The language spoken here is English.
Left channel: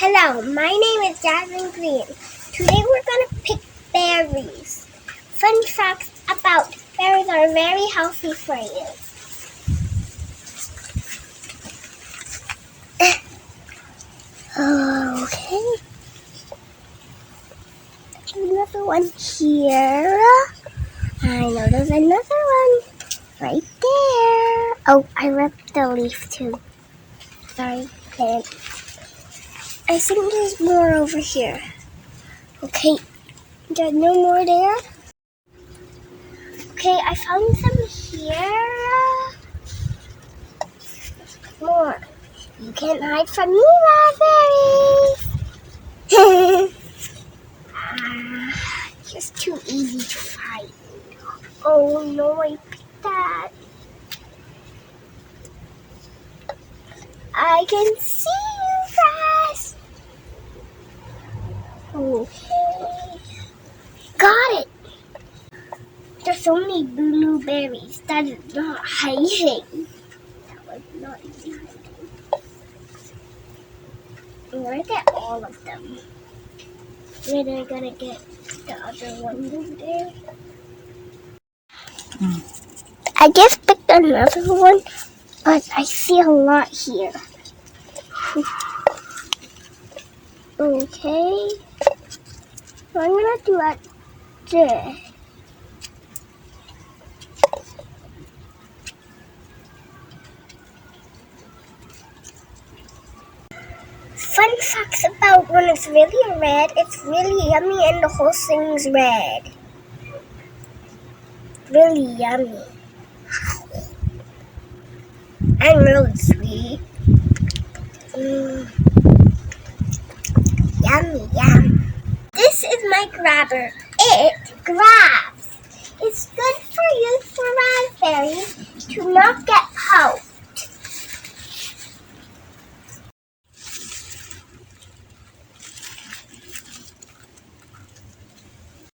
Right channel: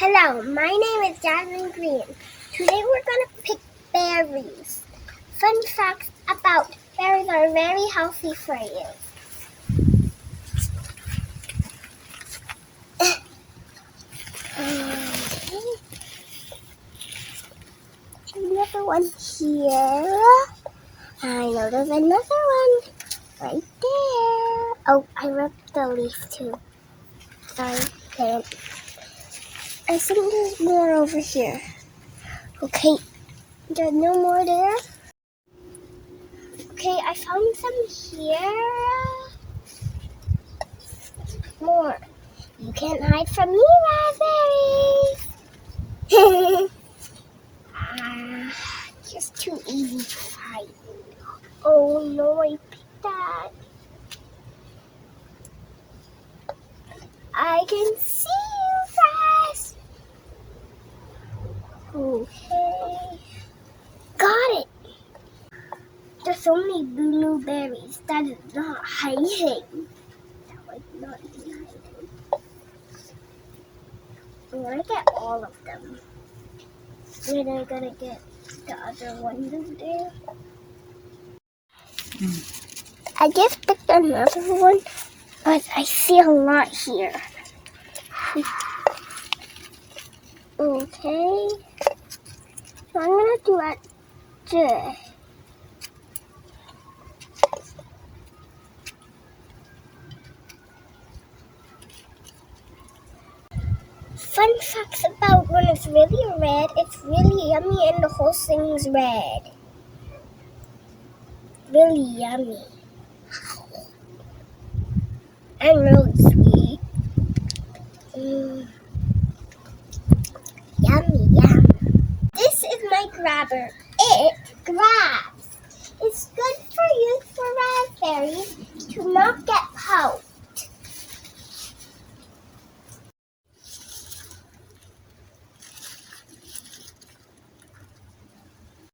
Hello, my name is Jasmine Green. Today we're going to pick berries. Fun facts about berries are very healthy for you. Okay. Another one here. I know there's another one right there. Oh, I ripped the leaf too. Sorry, there. I think there's more over here. Okay, there's no more there. Okay, I found some here. More. You can't hide from me, raspberries. Just too easy to find. Oh no, I picked that. I can see you guys. Okay. Got it. There's so many blueberries. That is not hiding. That was not easy hiding. I'm gonna get all of them. Then I'm gonna get the other ones over there. I just picked another one, but I see a lot here. Okay. So I'm gonna do it there. Fun facts about when it's really red, it's really yummy and the whole thing's red. Really yummy. And really sweet. Yummy, yum. This is my grabber. It grabs. It's good for you for